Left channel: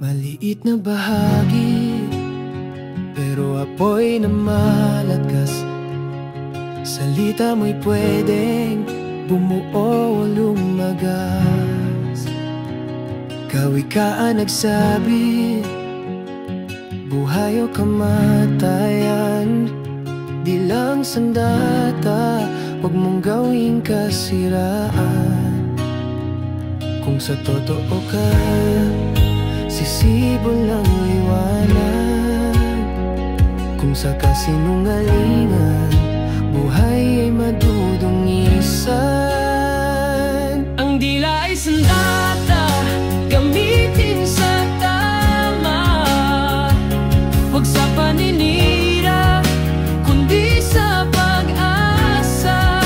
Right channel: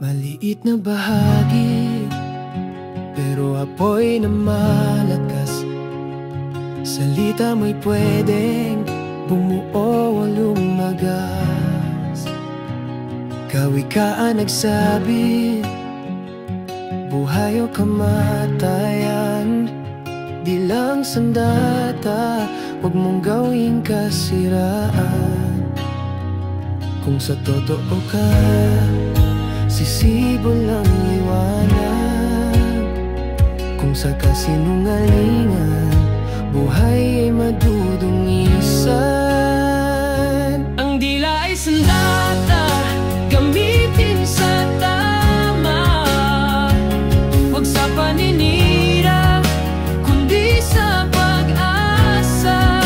Maliit na bahagi, pero apoy na malakas. Salita mo'y pwedeng bumuo o lumagas. Kawikaan nagsabi, buhay o kamatayan. Di lang sandata, huwag mong gawing kasiraan. Kung sa totoo ka, sisibo lang liwanag. Kung sa kasinungalingan, buhay ay madudungisan. Ang dila ay sandata, gamitin sa tama. Huwag sa paninira, kundi sa pag-asa.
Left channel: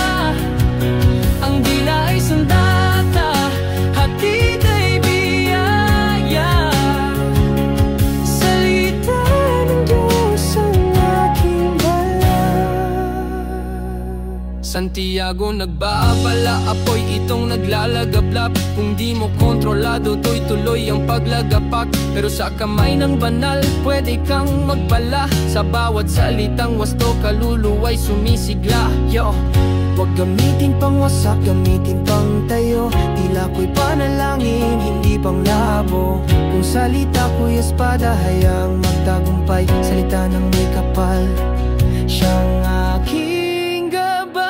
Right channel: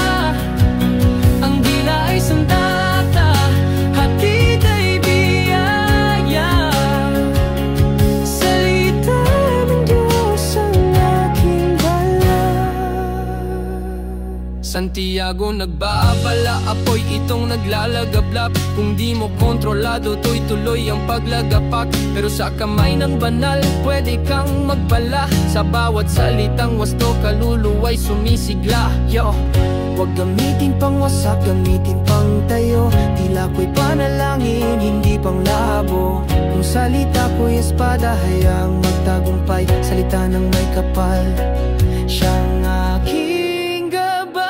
Ang dila ay sandata, hatid ay biyaya. Salita ng Diyos ang aking Santiago nagbaabala, apoy itong naglalagablap. Kung di mo kontrolado, tuloy-tuloy ang paglagapak. Pero sa kamay ng banal, pwede kang magpala. Sa bawat salitang wasto, kaluluwa'y sumisigla. Yo! Huwag gamitin pang wasak, gamitin pang tayo. Tila ko'y panalangin, hindi pang labo. Kung salita ko'y espada, hayaang magtagumpay. Salita ng may kapal, siyang aking gabay.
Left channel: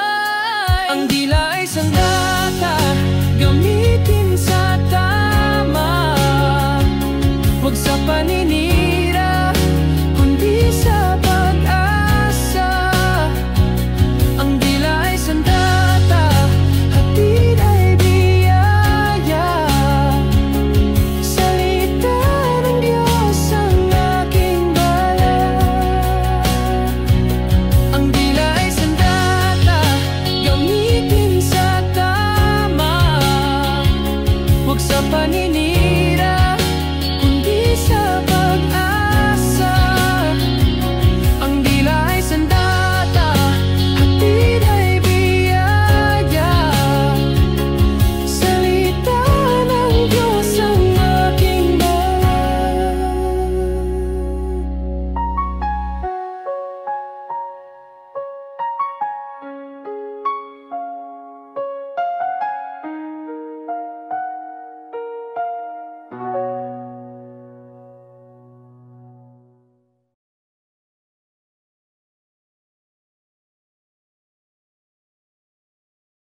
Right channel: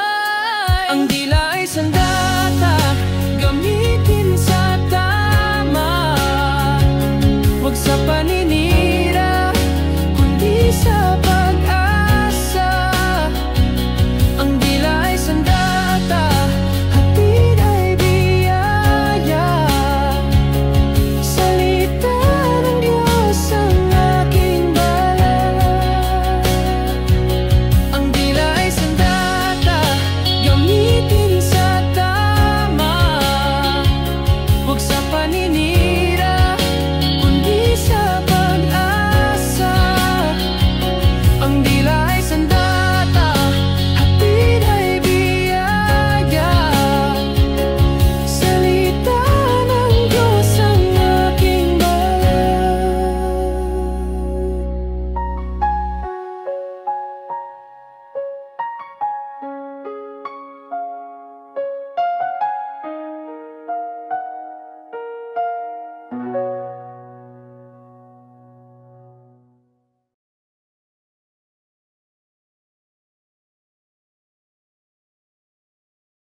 Ang dila ay sandata, gamitin sa tama. Huwag sa paninira,